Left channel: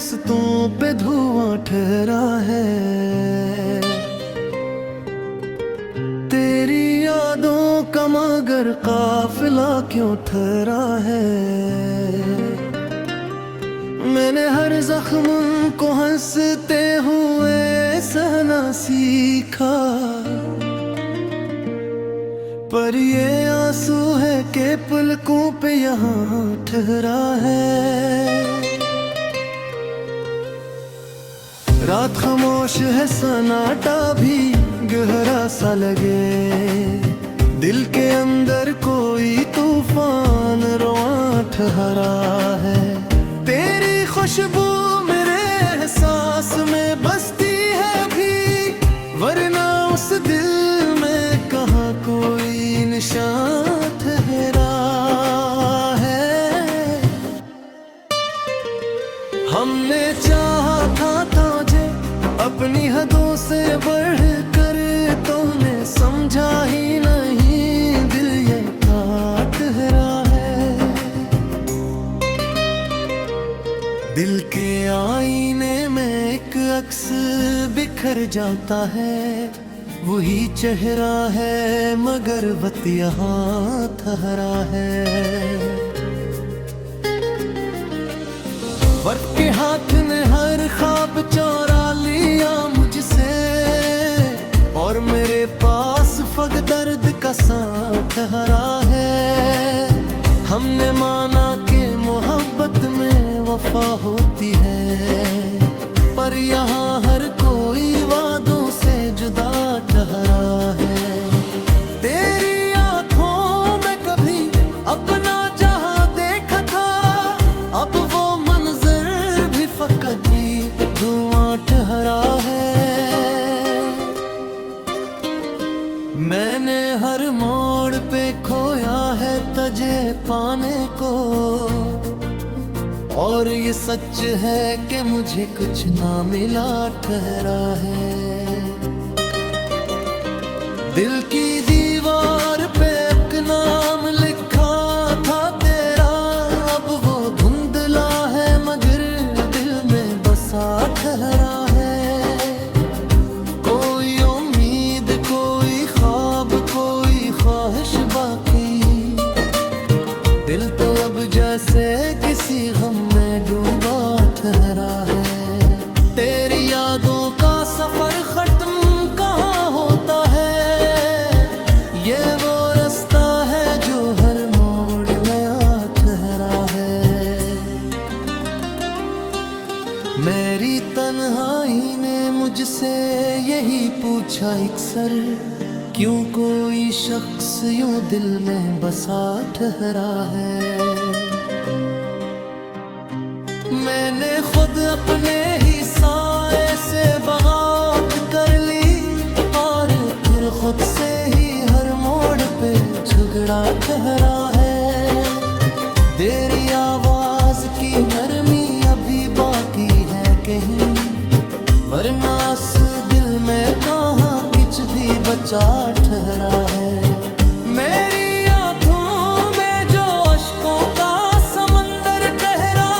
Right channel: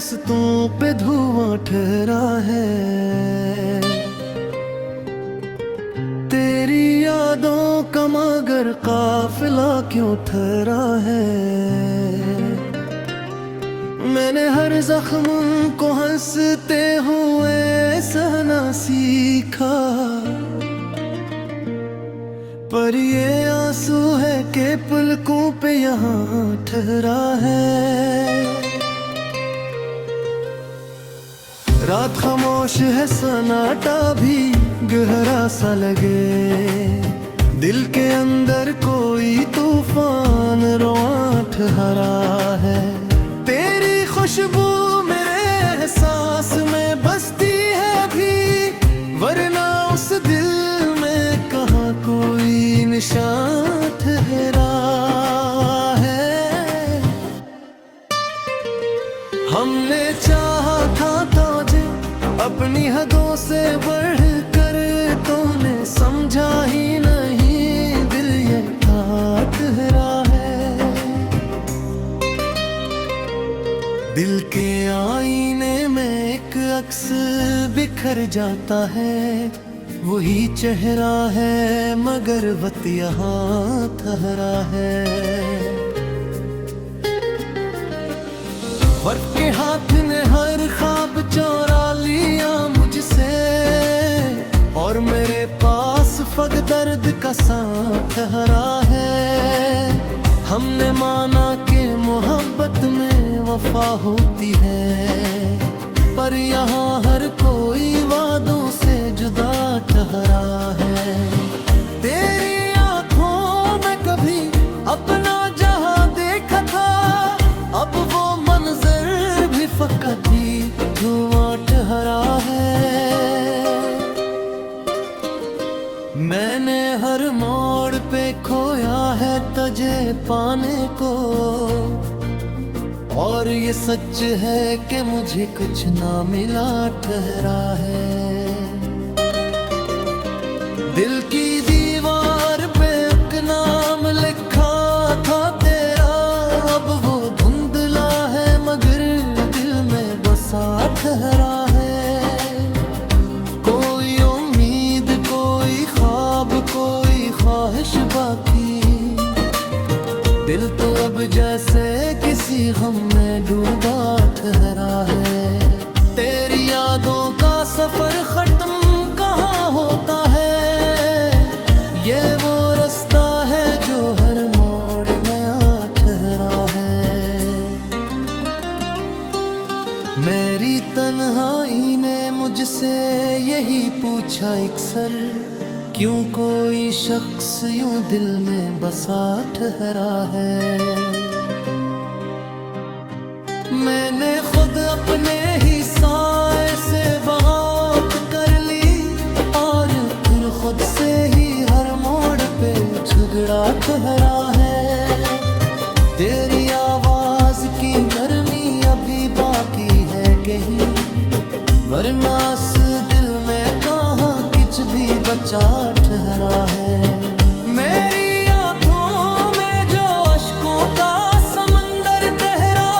रस्तों पे धुआं ठहरा है। तेरी यादों का मगर काफिला क्यों ठहरा है। मैंने हर जख्म को हंसते हुए सहना सीखा, पर ये आंसू है कि पलकों पे यहाँ ठहरा है। रात खामोश है, सन्नाटा भी गहरा सा लगे। दिल के अंदर कोई तूफान रवां ठहरा है। तेरी खुशबू मेरे एहसास में बसती है अभी, वरना उस दिल में कहाँ कोई निशान ठहरा है। हमने चाहा था तुझे अपनी हदों से बढ़कर, तूने समझा ही नहीं, दिल ये ठहरा है। दिल के आईने में एक अक्स बिखर जाता है, वही चेहरा है मगर वक्त यहाँ ठहरा है। वक्त के हाथ ने हर ख्वाब चोरा लिया मुझसे, और मेरे पास फक दर्द का सांस ठहरा है। हमने माना कि मोहब्बत में वफा होती है, पर यहाँ हर कोई वादों से जुदा ठहरा है। तेरी आँखों में कभी अपना जहाँ देखा था, अब वो मंजर भी फकत ही धुआं ठहरा है। मैंने हर मोड़ पे खोया है तुझे पाने को, और ये सच है कि मुझे कुछ ना मिला ठहरा है। दिल की दीवार पे एक नाम लिखा था तेरा, अब वो धुंधला है मगर दिल में बसा ठहरा है। कोई उम्मीद, कोई ख्वाब, कोई ख्वाहिश बाकी, दिल तो अब जैसे किसी गम में डूबा ठहरा है। तेरी यादों का सफर खत्म कहाँ होता है, ये वो रास्ता है जो हर मोड़ नया ठहरा है। मेरी तन्हाई ने मुझसे यही पूछा अक्सर, क्यों कोई शख्स यूं दिल में बसा ठहरा है। मैंने खुद अपने ही साए से बगावत कर ली, और फिर खुद से ही हर मोड़ पे झगड़ा ठहरा है। तेरी आवाज की नरमी अभी बाकी है कहीं, वरना इस दिल में कहाँ कुछ भी बचा ठहरा है। मेरी आँखों में जो अश्कों का समंदर ठहरा,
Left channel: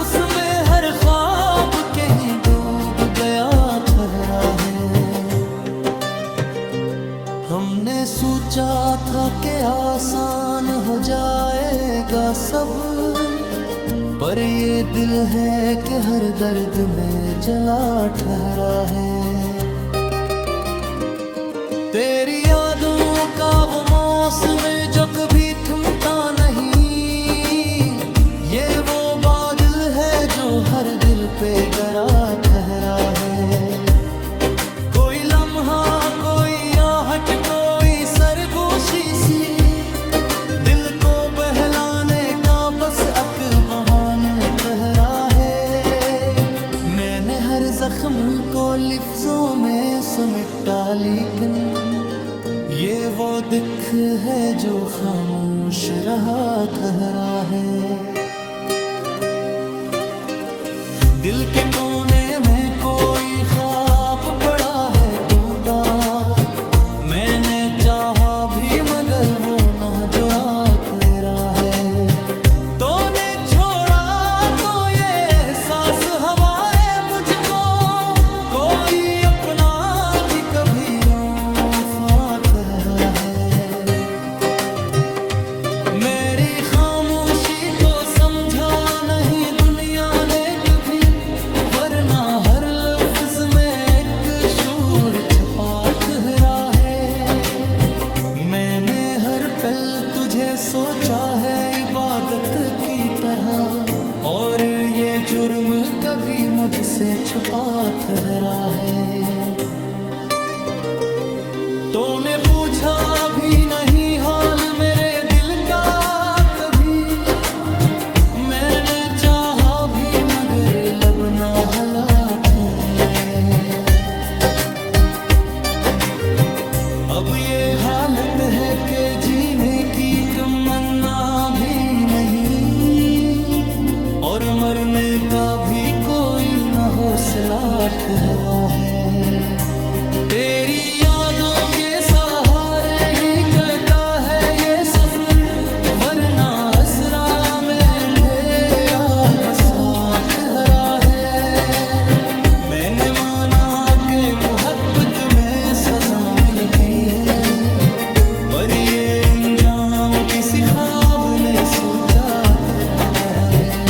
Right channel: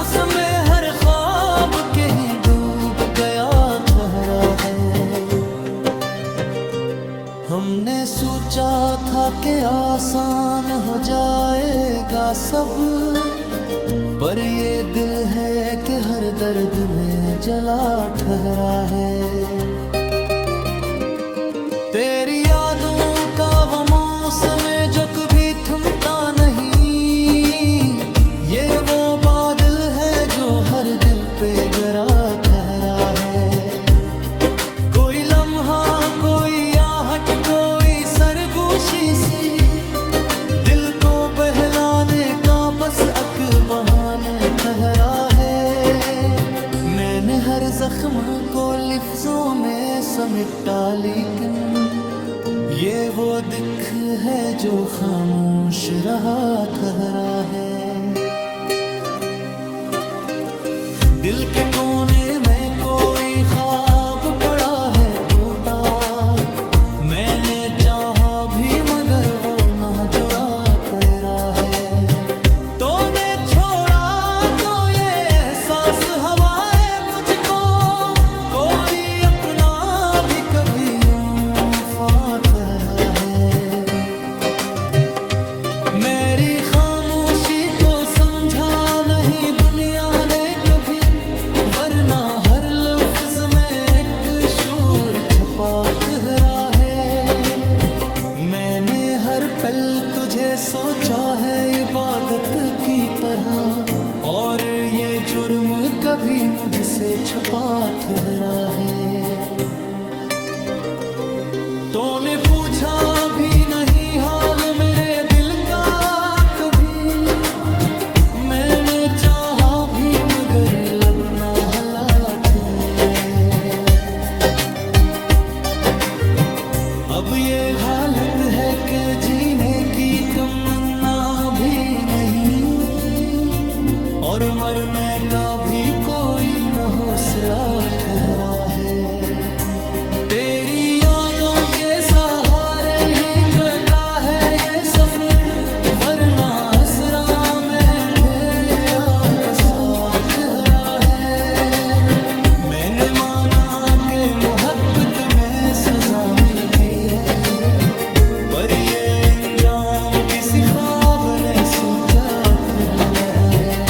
उसमें हर ख्वाब कहीं डूब गया ठहरा है। हमने सोचा था कि आसान हो जाएगा सब, पर ये दिल है कि हर दर्द में जला ठहरा है। तेरी यादों का वो मौसम जो कभी थमता नहीं, ये वो बादल है जो हर दिल पे गरा ठहरा है। कोई लम्हा, कोई आहट, कोई सरगोशी सी, दिल को बहलाने का बस अक बहाने ठहरा है। मैंने हर जख्म को लिफ्जों में समेटा, लेकिन ये वो दिख है जो खामोश रहा ठहरा है। दिल के कोने में कोई ख्वाब पड़ा है टूटा, मैंने चाहा भी मगर वो ना जुड़ा पैरा है। तूने छोड़ा तो ये एहसास हवा मुझको कोई अपना भी कभी यूं फाट रहा है। मेरी खामोशी को समझा नहीं दुनिया ने कभी, वरना हर लफ्ज में एक शूर छपा ठहरा है। मैंने हर पल तुझे सोचा है इबादत की तरह, और ये जुर्म कभी मुझसे छुपा ठहरा है। तूने पूछा भी नहीं हाल मेरे दिल का कभी, मैंने चाहा भी मगर लब ना हलाट है। अब ये हालत है कि जीने की तमन्ना भी नहीं, और मरने का भी कोई न हौसला ठहरा है। तेरी यादों के सहारे ही कटा है ये सफर, वरना असरा में अंधेरा बसात हरा है। मैंने माना कि मोहब्बत में सजा मिलती है, पर ये अंजाम किसी ख्वाब ने सोचा ठहरा है।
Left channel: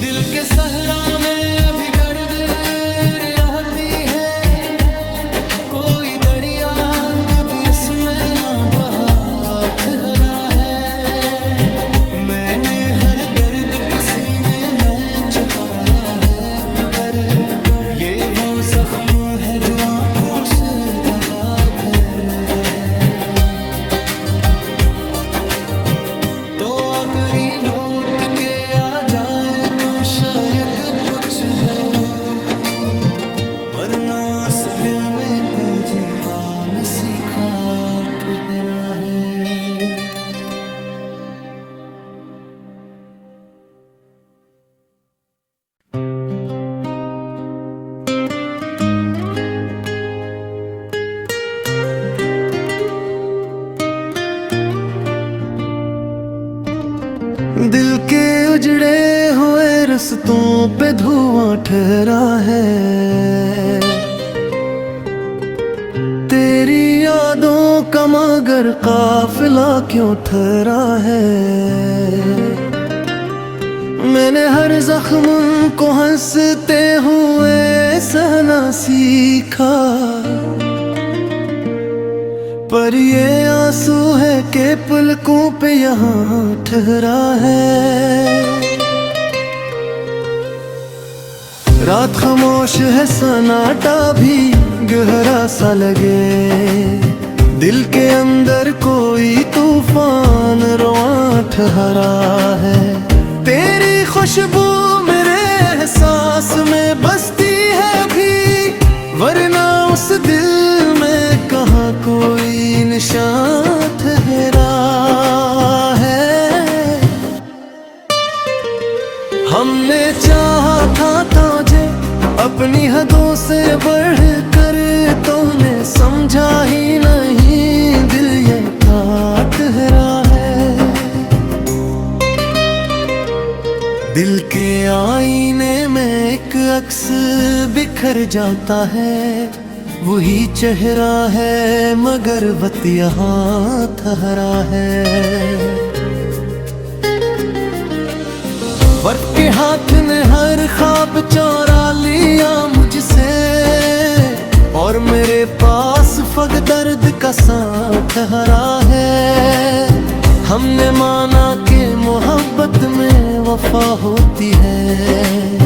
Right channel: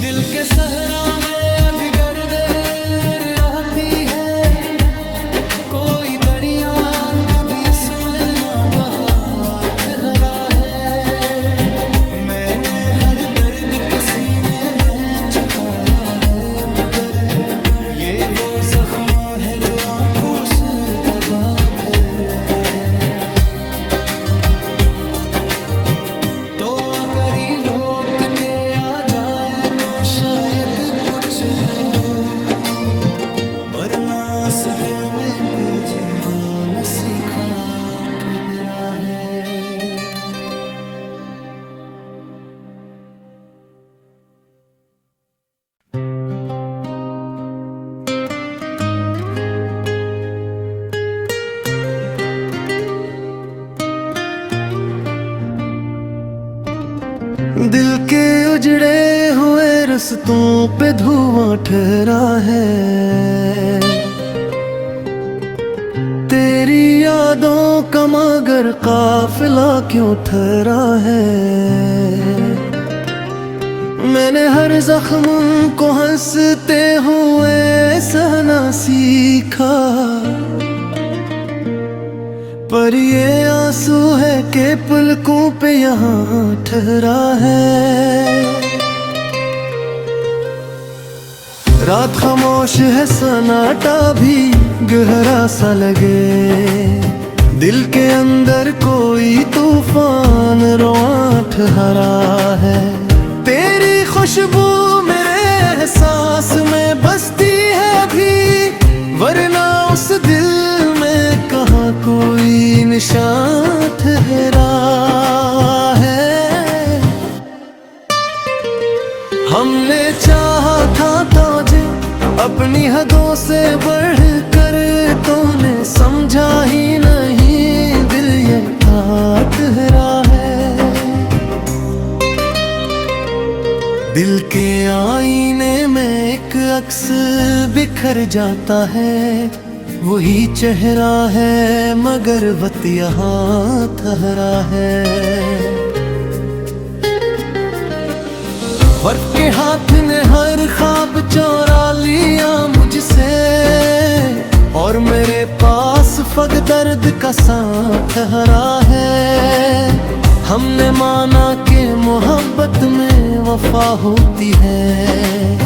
दिल के सहरा में अभी गर्द रहती है, कोई दरिया कभी उसमें ना बहा ठहरा है। मैंने हर दर्द को सीने में छुपाया है, मगर ये वो जख्म है जो आंखों से दबा धर रहा है। तो करी लौट के आ जाए तू शायद कुछ वो, वरना इस दिल में कोई जीवान सीखा ठहरा है। दिल के उजड़े हुए रस्तों पे धुआं ठहरा है, तेरी यादों का मगर काफिला क्यों ठहरा है। मैंने हर जख्म को हंसते हुए सहना सीखा, पर ये आंसू है कि पलकों पे यहाँ ठहरा है। रात खामोश है सन्नाटा भी गहरा सा लगे, दिल के अंदर कोई तूफान रवां ठहरा है। तेरी खुशबू मेरे एहसास में बसती है अभी, वरना उस दिल में कहाँ कोई निशान ठहरा है। हमने चाहा था तुझे अपनी हदों से बढ़कर, तूने समझा ही नहीं दिल ये ठहरा है। दिल के आईने में एक अक्स बिखर जाता है, वही चेहरा है मगर वक्त यहाँ ठहरा है। वक्त के हाथ ने हर ख्वाब चोरा लिया मुझसे, और मेरे पास फग दर्द का साथ ठहरा है। हमने माना कि मोहब्बत में वफा होती है,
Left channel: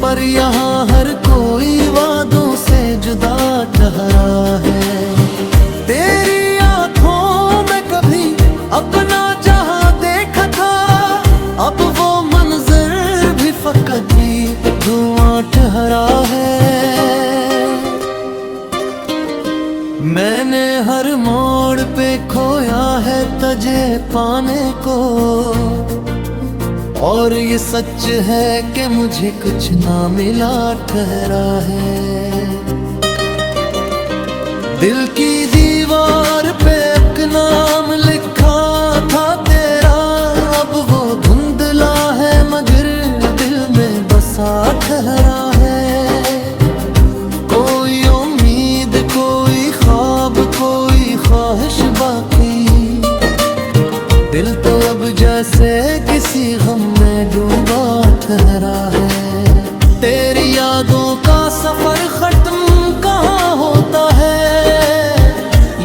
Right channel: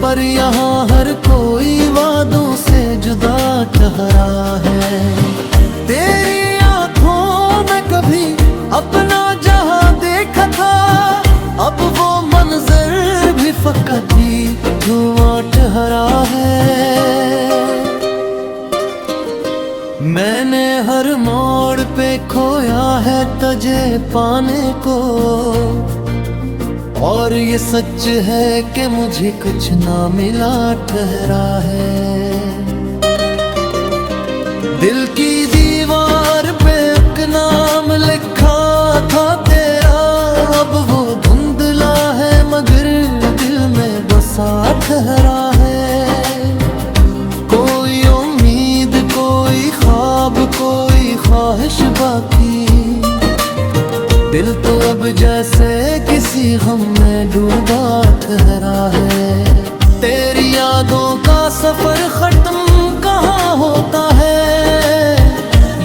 पर यहाँ हर कोई वादों से जुदा ठहरा है। तेरी आँखों में कभी अपना जहाँ देखा था, अब वो मंजर भी फकत ही धुआं ठहरा है। मैंने हर मोड़ पे खोया है तुझे पाने को, और ये सच है कि मुझे कुछ ना मिला ठहरा है। दिल की दीवार पे एक नाम लिखा था तेरा, अब वो धुंधला ठहरा है। कोई उम्मीद, कोई ख्वाब, कोई ख्वाहिश बाकी, दिल तो अब जैसे किसी गम में डूबा ठहरा है। तेरी यादों का सफर खत्म कहाँ होता है,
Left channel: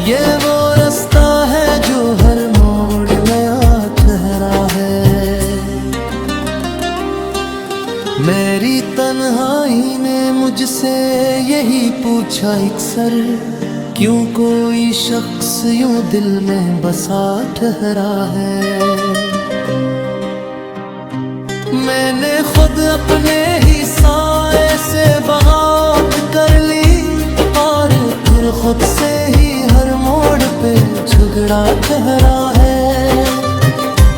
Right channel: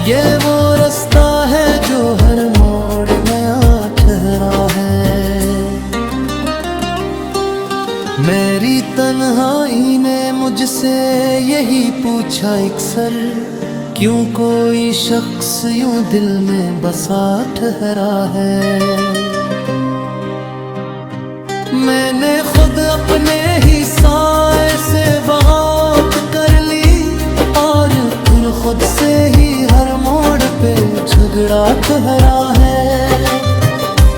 ये वो रास्ता है जो हर मोड़ नया ठहरा है। मेरी तन्हाई ने मुझसे यही पूछा अक्सर, क्यों कोई शख्स यूं दिल में बसा ठहरा है। मैंने खुद अपने ही साए से बगावत कर ली, और फिर खुद से ही हर मोड़ पे झगड़ा ठहरा है।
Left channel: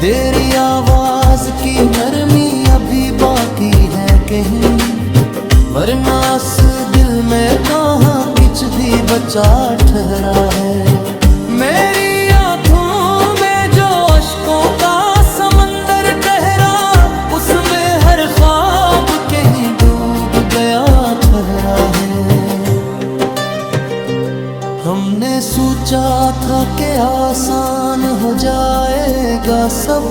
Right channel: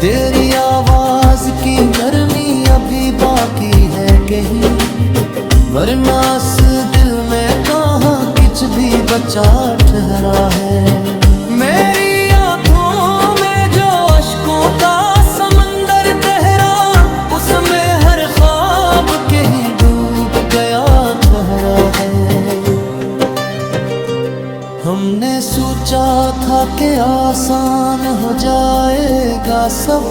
तेरी आवाज की नरमी अभी बाकी है कहीं, वरना इस दिल में कहाँ कुछ भी बचा ठहरा है। मेरी आँखों में जो अश्कों का समंदर ठहरा, उसमें हर ख्वाब कहीं डूब गया ठहरा है। हमने सोचा था कि आसान हो जाएगा सब,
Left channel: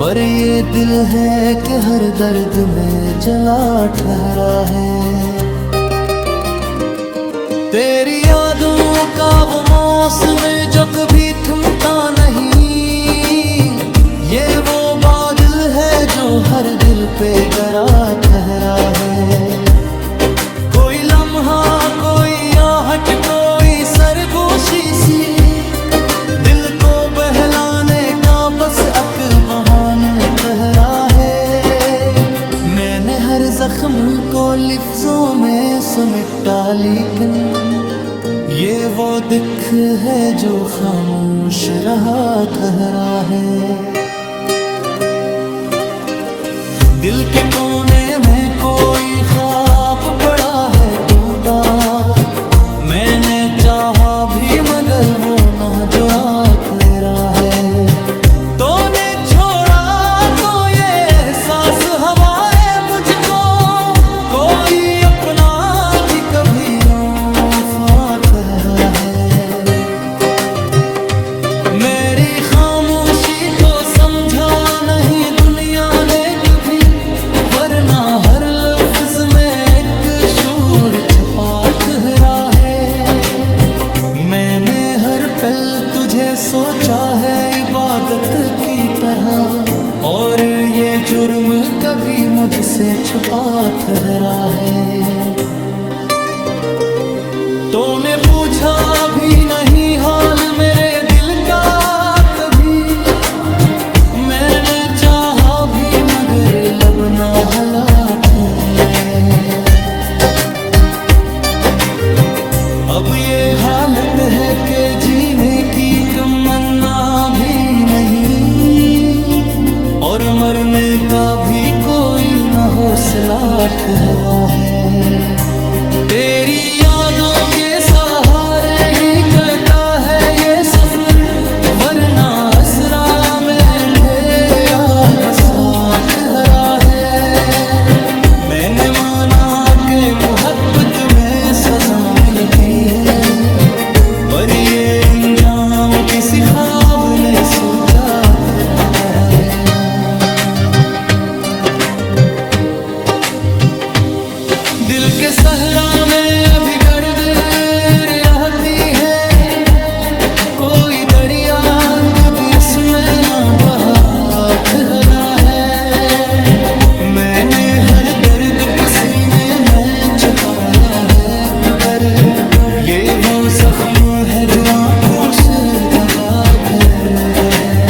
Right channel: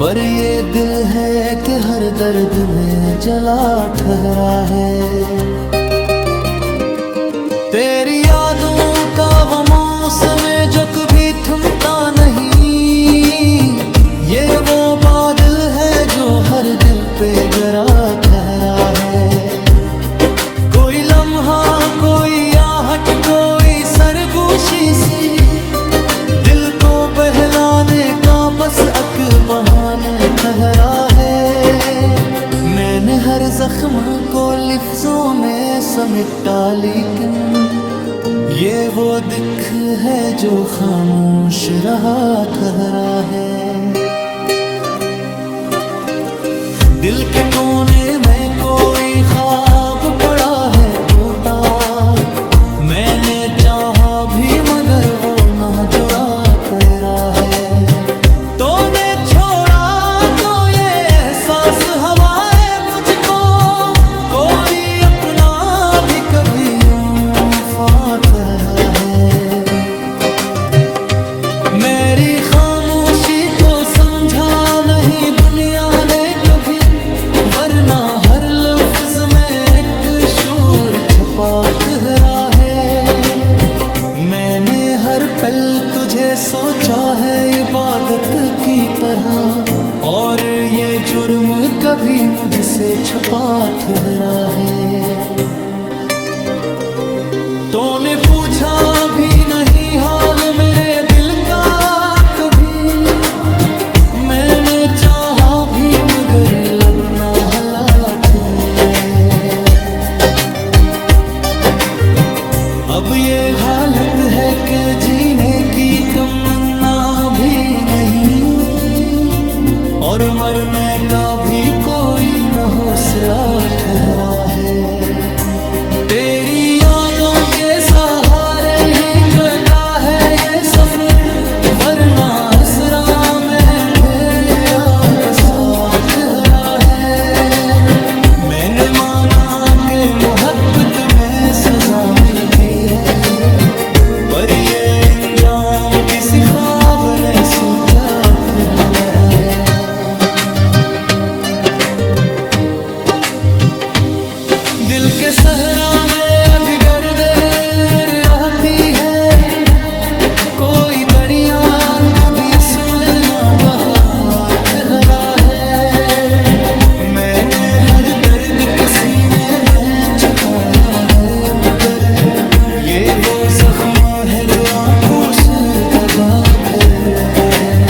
पर ये दिल है कि हर दर्द में जला ठहरा है। तेरी यादों का वो मौसम जो कभी थमता नहीं, ये वो बादल है जो हर दिल पे गरा ठहरा है। कोई लम्हा, कोई आहट, कोई सरगोशी सी, दिल को बहलाने का बस अक बहाना ठहरा है। मैंने हर जख्म को लिफ्जों में समेटा, लेकिन ये वो दिख है जो खामोश रहा ठहरा है। दिल के कोने में कोई ख्वाब पड़ा है टूटा, मैंने चाहा भी मगर वो ना जुड़ा पैरा है। तूने छोड़ा तो ये एहसास हवाए मुझको, कोई अपना भी कभी यूं फाट रहा है। मेरी खामोशी को समझा नहीं दुनिया ने कभी, वरना हर लफ्ज में एक शोर छपा ठहरा है। मैंने हर पल तुझे सोचा है इबादत की तरह, और ये जुर्म कभी मुझसे छुपा ठहरा है। तूने पूछा भी नहीं हाल मेरे दिल का कभी, मैंने चाहा भी मगर लब ना हलाट है। अब ये हालत है कि जीने की तमन्ना भी नहीं, और मरने का भी कोई न हौसला ठहरा है। तेरी यादों के सहारे ही कटा है ये सफर, वरना असरा में अंधेरा बसा ठहरा है। मैंने माना कि मोहब्बत में सजा मिलती है, पर ये अंजाम किसी ख्वाब ने सोचा ठहरा है। दिल के सहरा में अभी गर्द रहती है, कोई दरिया कभी उसमें ना बहा ठहरा है। मैंने हर दर्द को सीने में छुपाया है, मगर ये वो जख्म है जो आंखों से दगा धर रहा है।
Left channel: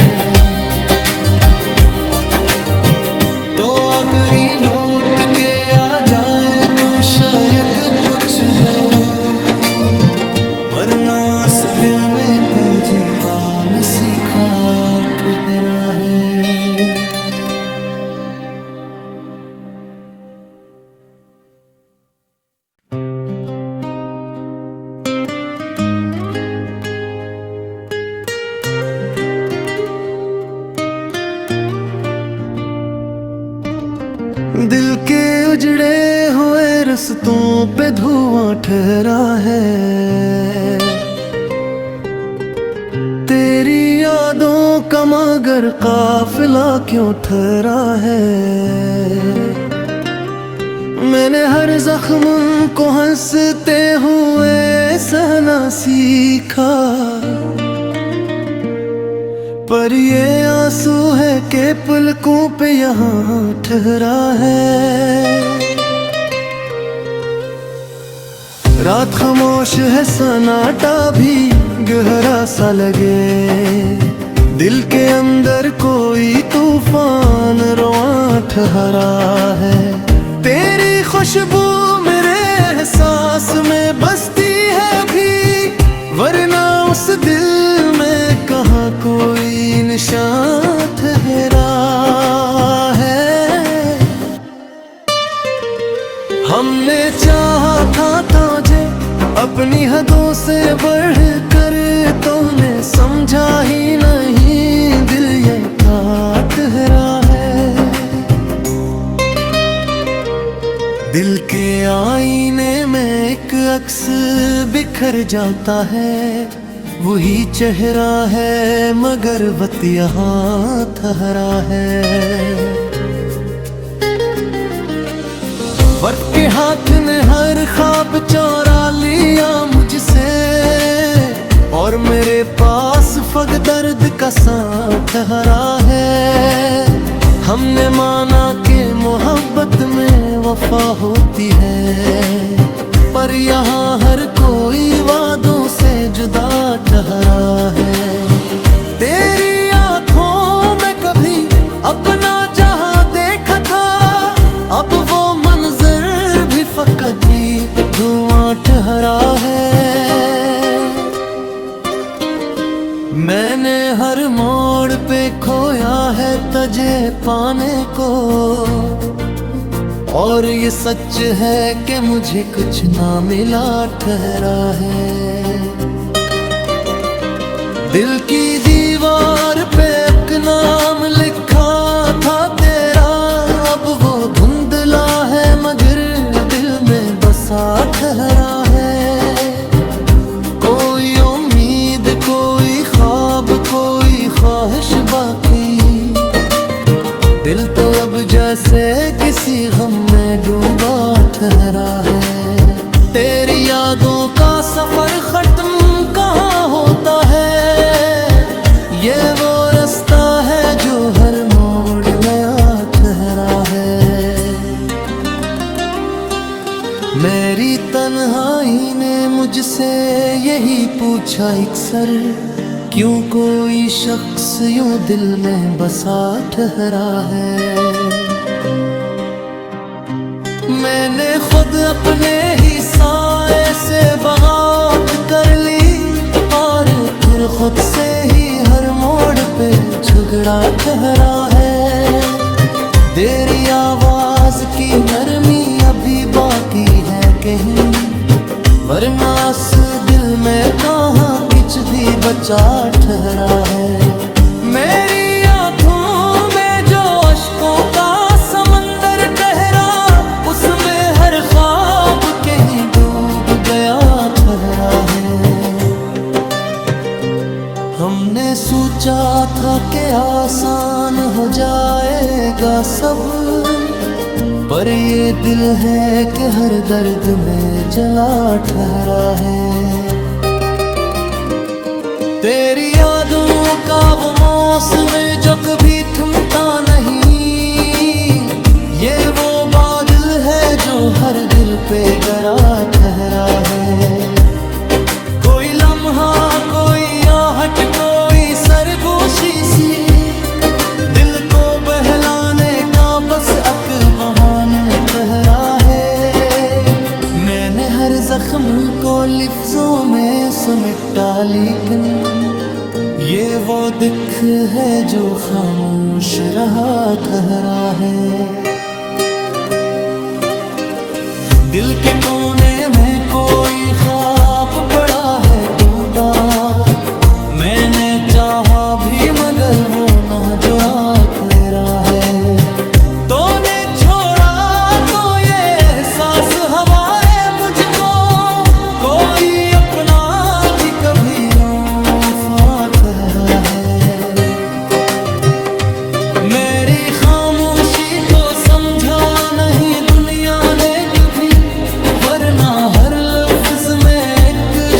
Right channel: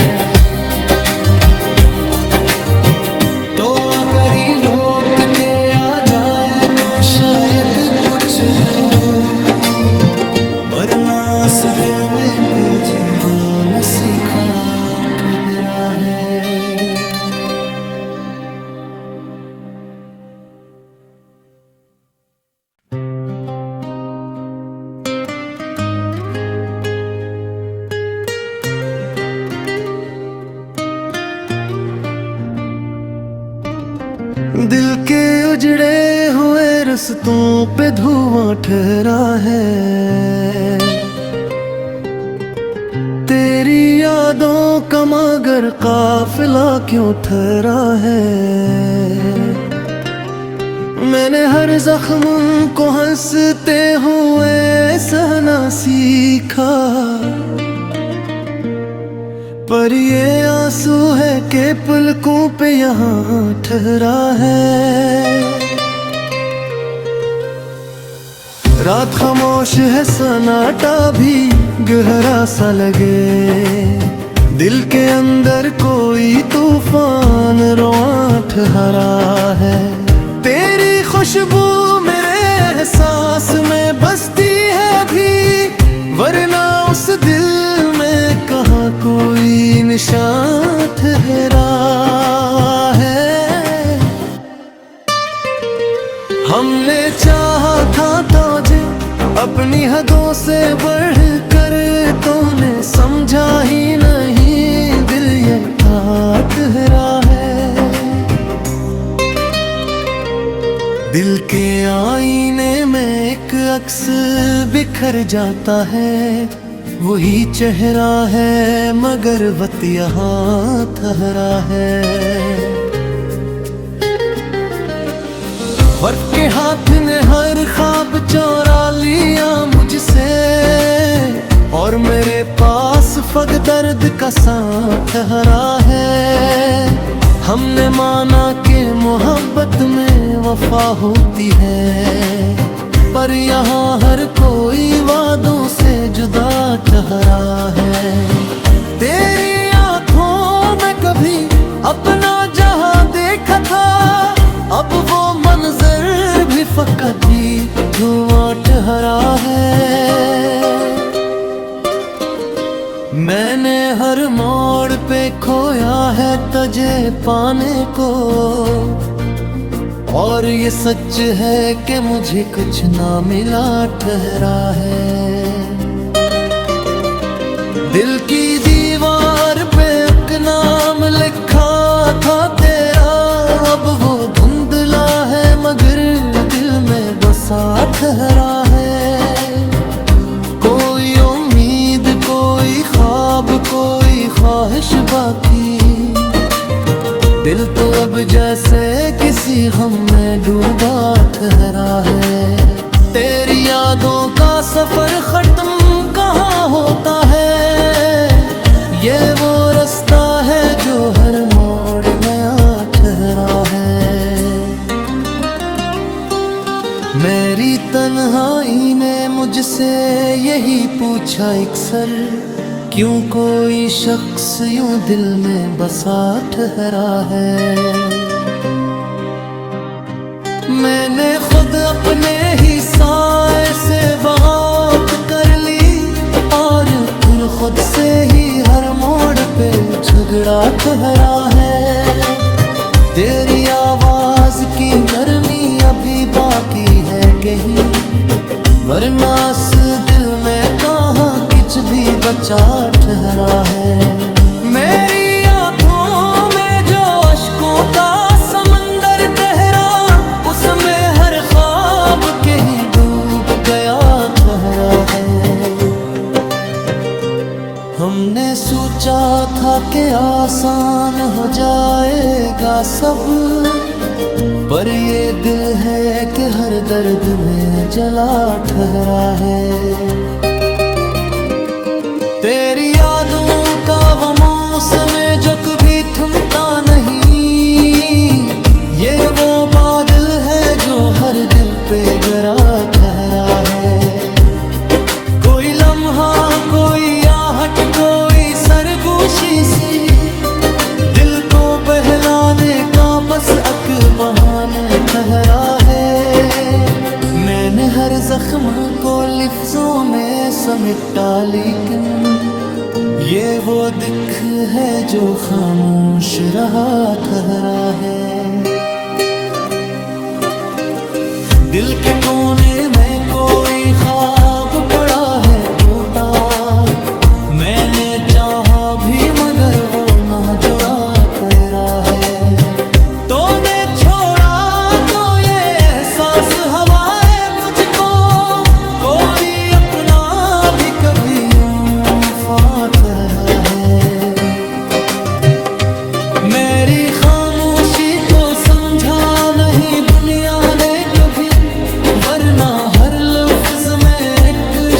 तो अगर ये लौट के आ जाए तो शायद कुछ हो, वरना इस दिल में कोई जीवन सीखा ठहरा है। दिल के उजड़े हुए रस्तों पे धुआं ठहरा है, तेरी यादों का मगर काफिला क्यों ठहरा है। मैंने हर जख्म को हंसते हुए सहना सीखा, पर ये आंसू है कि पलकों पे यहाँ ठहरा है। रात खामोश है, सन्नाटा भी गहरा सा लगे, दिल के अंदर कोई तूफान रवां ठहरा है। तेरी खुशबू मेरे एहसास में बसती है अभी, वरना उस दिल में कहाँ कोई निशान ठहरा है। हमने चाहा था तुझे अपनी हदों से बढ़कर, तूने समझा ही नहीं, दिल ये ठहरा है। दिल के आईने में एक अक्स बिखर जाता है, वही चेहरा है मगर वक्त यहाँ ठहरा है। वक्त के हाथ ने हर ख्वाब चोरा लिया मुझसे, और मेरे पास फक दर्द का सांस ठहरा है। हमने माना कि मोहब्बत में वफा होती है, पर यहाँ हर कोई वादों से जुदा ठहरा है। तेरी आँखों में कभी अपना जहां देखा था, अब वो मंजर भी फकत ही धुआं ठहरा है। मैंने हर मोड़ पे खोया है तुझे पाने को, और ये सच है कि मुझे कुछ ना मिला ठहरा है। दिल की दीवार पे एक नाम लिखा था तेरा, अब वो धुंधला है मगर दिल में बसा ठहरा है। कोई उम्मीद, कोई ख्वाब, कोई ख्वाहिश बाकी, दिल तो अब जैसे किसी गम में डूबा ठहरा है। तेरी यादों का सफर खत्म कहाँ होता है, ये वो रास्ता है जो हर मोड़ नया ठहरा है। मेरी तन्हाई ने मुझसे यही पूछा अक्सर, क्यों कोई शख्स यूं दिल में बसा ठहरा है। मैंने खुद अपने ही साए से बगावत कर ली, और फिर खुद से ही हर मोड़ पे झगड़ा ठहरा है। तेरी आवाज की नरमी अभी बाकी है कहीं, वरना इस दिल में कहाँ कुछ भी बचा ठहरा है। मेरी आँखों में जो अश्कों का समंदर ठहरा, उसमें हर ख्वाब कहीं डूब गया ठहरा है। हमने सोचा था कि आसान हो जाएगा सब, पर ये दिल है कि हर दर्द में जला ठहरा है। तेरी यादों का वो मौसम जो कभी थमता नहीं, ये वो बादल है जो हर दिल पे गरा ठहरा है। कोई लम्हा, कोई आहट, कोई सरगोशी सी, दिल को बहलाने का बस अक बहाना ठहरा है। मैंने हर जख्म को लिफ्जों में समेटा, लेकिन ये वो दिख है जो खामोश रहा ठहरा है। दिल के कोने में कोई ख्वाब पड़ा है टूटा, मैंने चाहा भी मगर वो ना जुड़ा पैरा है। तूने छोड़ा हवाएं मुझको कोई अपना भी कभी फाता है। मेरी खामोशी को समझा नहीं दुनिया ने कभी, वरना हर लफ्ज में एक